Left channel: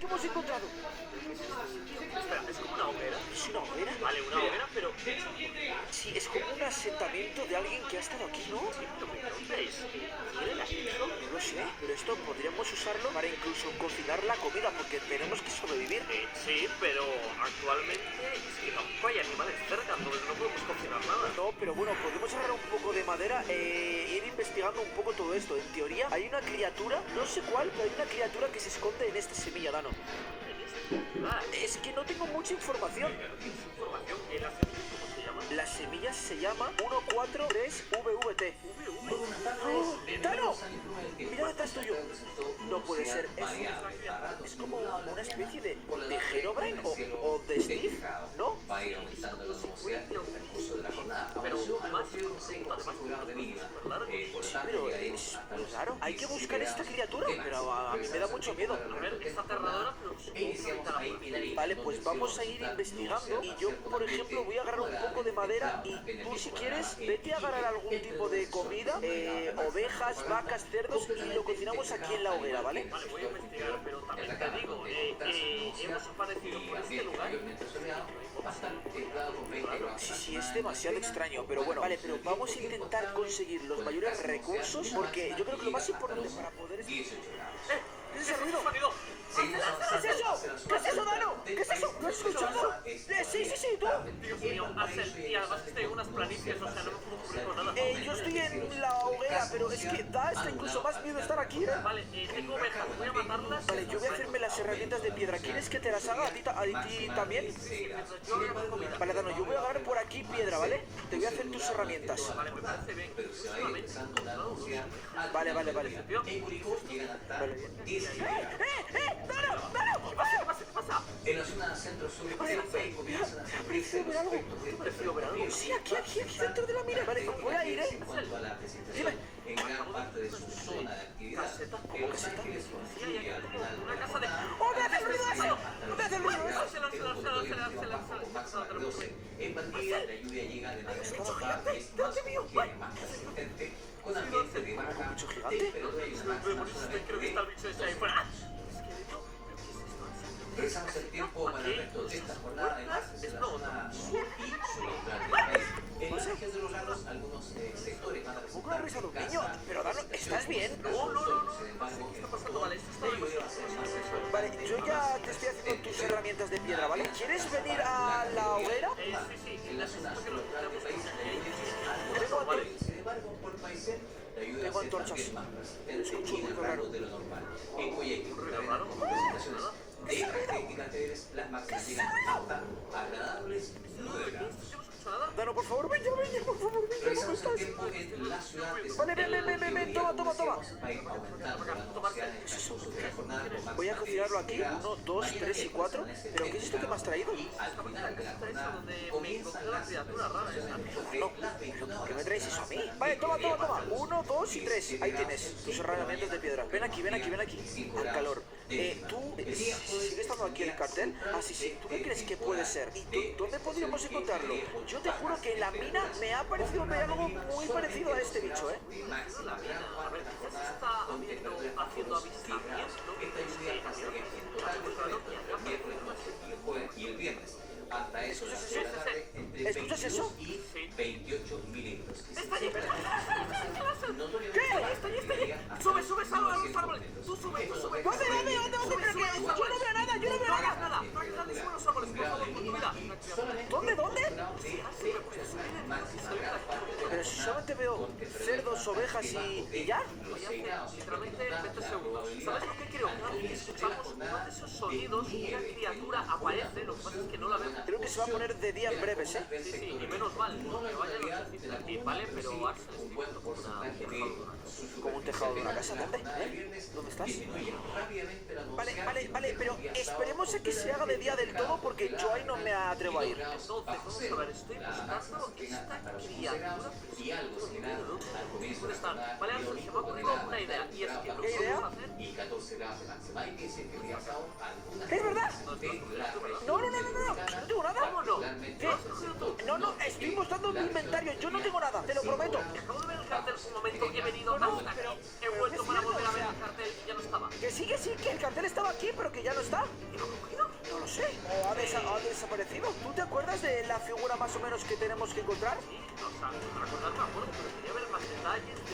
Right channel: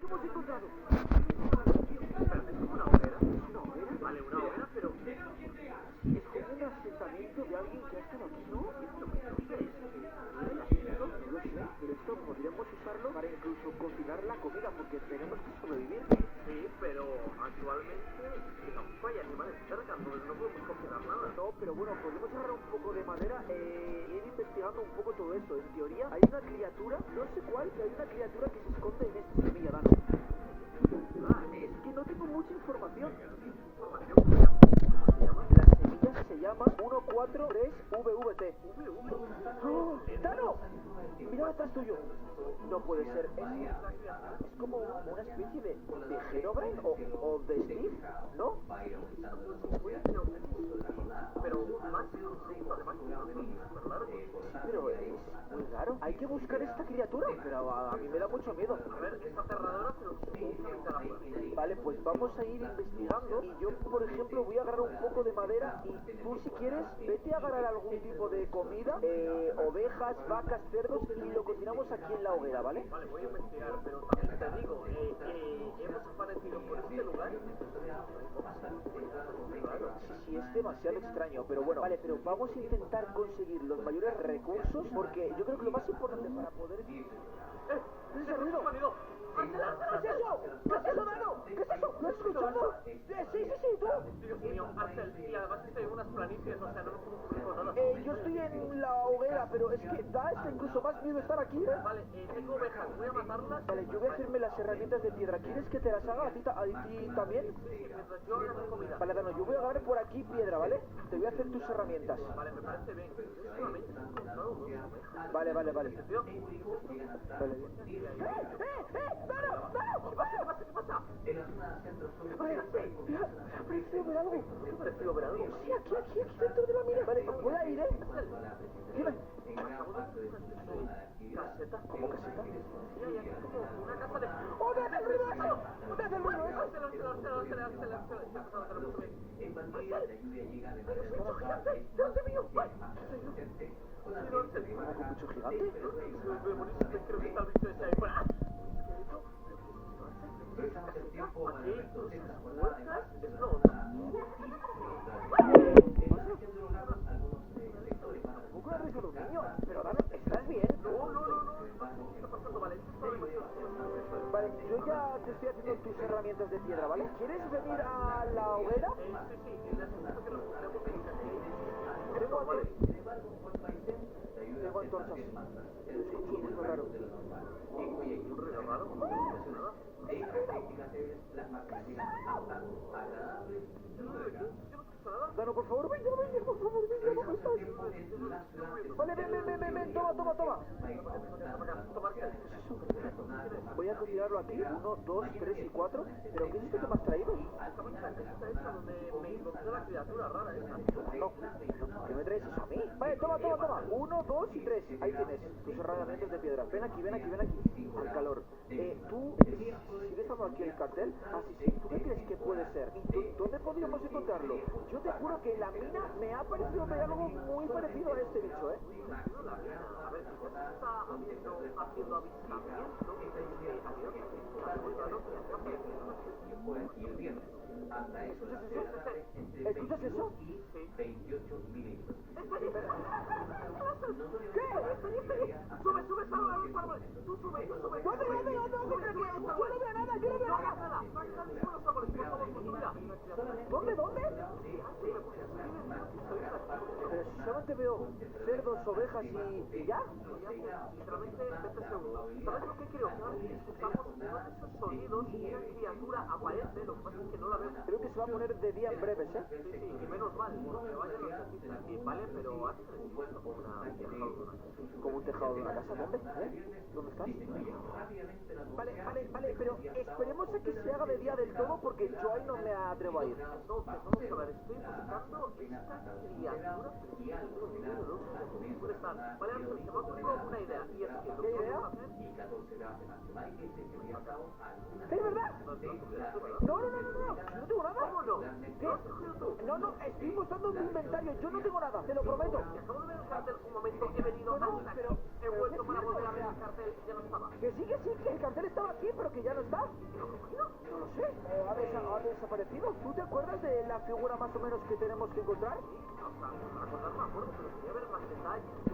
¿Qué hemos encontrado? Espera, ¿es como una hoguera? ¿Es una hoguera? Vale, una hoguera, pero... Sí, es como un asentamiento de alguien que ha estado aquí, ¿no? ¿Dónde es? ¿Quién la hizo? No lo sé, pero esto podríamos usarlo para incluso cocinar la comida, porque tenemos que sobrevivir. Sí, pero actualmente es que tampoco hay animales cerca, entonces no podemos cocinar nada. No, pero bueno, podemos agarrar un poco de madera e ir investigando un poco todo esto. En teoría, hay una criatura, no sé cuál, pero hay una criatura que se esconde en esta semilla, Dano. Es que no tengo mucha información. Información que la ¿cómo se llama? La semilla se llama 143VVT. ¡Oh! ¡Dano! Mira detrás tuyo. No puede ser. Es como una especie de Herobrine o de Steve, ¿no? Pero más súper largo. Sí, pero es muy raro. Hay que buscar esta criatura, pero a mí me da mucho miedo. A ver, es aterradora, pero supongo que está la puerta. Vale, pues vamos a ir investigando y yo, por ejemplo, voy a agarrar un poco de madera y tú, si quieres, vete a agarrar algún tipo de comida, ovejas, vacas, cerdos y lo cocinamos aquí en la hoguera, ¿vale? Vale, voy a investigar, pero también te digo, hemos aparecido por este lugar. Sí, es demasiado extraño, pero bueno, vale, pero vamos a intentar conseguir los mayores recursos porque yo creo que lo más importante para poder... ¿Qué es ese ruido? Sonido. ¿Qué es eso? ¿Qué es eso, Dano? ¿Qué es eso? ¿Lo has escuchado? Sí, tú. Dios mío, Axel, y además que estoy en unas planicies, o sea, no me puedo cubrir con nada. Yo estoy en la hoguera, pero es que da hasta incluso más miedo estar aquí, ¿eh? Vale, tengo ovejas, voy a matarlas. Vale, yo voy a hacerme las herramientas de piedra. ¿Quieres que te las haga a ti también? Sí, mientras yo hago la comida. Vale, Dano, yo voy a agarrar por aquí piedra, ¿vale? Te voy a hacer tus herramientas. Vale, me parece bien. Últimamente he encontrado unos ovejas. Vale. Tío, Vale, bien. ¡Dano! ¿qué pasa? En la zona centro-sur Mira, ha parecido ver algo. Prefiero ver algo. Sí, aquí dentro de la mina. Vale, voy a ir, ¿eh? Dime. en gran parte de su zona de actividad. ¿Caseta? ¿Cómo caseta? Sí, hay aquí como una casa de... ¡Oh, me hace el ruido eso! ¡Me hace el ruido eso! En Pandilla la lluvia llega de manera ¡Bicho normal gigante! y es ¡Delante más mío! ligera y más consistente con ambiente de ¿Cómo que un bicho baja gigante? Creo que está el bicho ese ahí fuera. Rezamos el tiempo para el resto de esta jornada de martes Es en la no. zona sur y suroccidente. En las regiones de los lagos, algunos sectores van a ¿Cómo que ha revisado un niño? Pero, Dano, ¿estás bien? No. ¿Qué está pasando? Vale, esto está demasiado. Vale, yo ya te estoy haciendo tus herramientas de piedra, ¿vale? ¿Quieres venir a la hoguera? Sí, necesito que lo cojamos porque Tengo vale. Sin embargo, por país, la ayuda Tengo se antorchas. también baja, Escucho un ruido raro. de lo normal. En Guayaquil, raro? presentaciones de características las máquinas llegan a resultar agradables y Yo modernas. no escucho nada. Dano, por favor, ven, por favor, ven, ¿cómo Revisamos el estás? tiempo en la ciudad de Vale, ven, toma. va a ir aumentando durante la jornada. Voy a cocinarlo aquí, 1, 2, 3 y 4. ¿Pero qué es esto que me has traído? Esta esa donde me encontré la criatura rara esa. No, ¿pero ¿qué me traes eso a mí? Vale, toma. 1, 2 y 3. Ahí tienes tus herramientas de piedra. Ven aquí. Al calor. ¿Tú sigue estando aquí el cartel? Ah, sí. ¿Tú qué crees que puede ser? ¿Y dónde podríamos encontrarlo? Yo te juro que en la mina me ha parecido ver algo muy parecido a este bicho, ¿eh? No la mina. A ver, quizás está haciendo avistamiento. Y el viernes, hasta eso, ¿Escuchas eso? y 28 milímetros. Está allí. ¿Qué? Sube a los árboles. Tú sube. ¿Dónde? ¿Pero qué? Yo no veo nada. No hagas nada. Sube a los árboles, por favor, con tu vida. ¿Dónde? Sí, pues a subir y salir de aquí. Pero si solamente veo cerdos, ovejas y ya. Y hace literalmente 20 segundos. ¿Sabes lo que creo? Cada vez que escuchamos uno de esos sonidos, una criatura aparece, lo que pasa es que no la vemos. Creo que se va a poner de día en breves, ¿eh? Sí, y menos mal, porque vaya nochecita de aquí, ¿vale? Pero Axel, estoy viendo como una Como un tejado de una casa. ¿Dónde? ¿Dónde estás? Vale, pero esperemos a que se haga de día del todo porque yo ahí no me atrevo a ir. Entonces, vamos a ver, estoy buscando esta criatura, pero es que no tengo ni idea de dónde puede estar. Vale, Axel, se me ha ocurrido una idea, y es que lo que ¿Qué idea? vamos a hacer... Y 14 grados de máxima. Y dice que realiza algunas ¿Es verdad? No, es tu criatura, ¿verdad? No, no tengo nada. ¿Cómo no? ¿Qué? ¿Lo has cogido tú? No, estoy mostrando mi inventario. Yo no tengo nada, te lo prometo. Acabo de ver el cartel un momento, he venido No, hasta aquí, pero he vuelto es para cierto, volver a o ver sea, el cartel y ya no estaba. Que sí, que el cartel estaba aquí, pero que ya no está. ¿Y lo ha cogido? No lo sé. ¿O ha desaparecido? ¿Tú te acuerdas de la figura más o menos que tenemos que encontrar? Sí, o sea, para acordar no me acuerdo, pero quería ver más detalles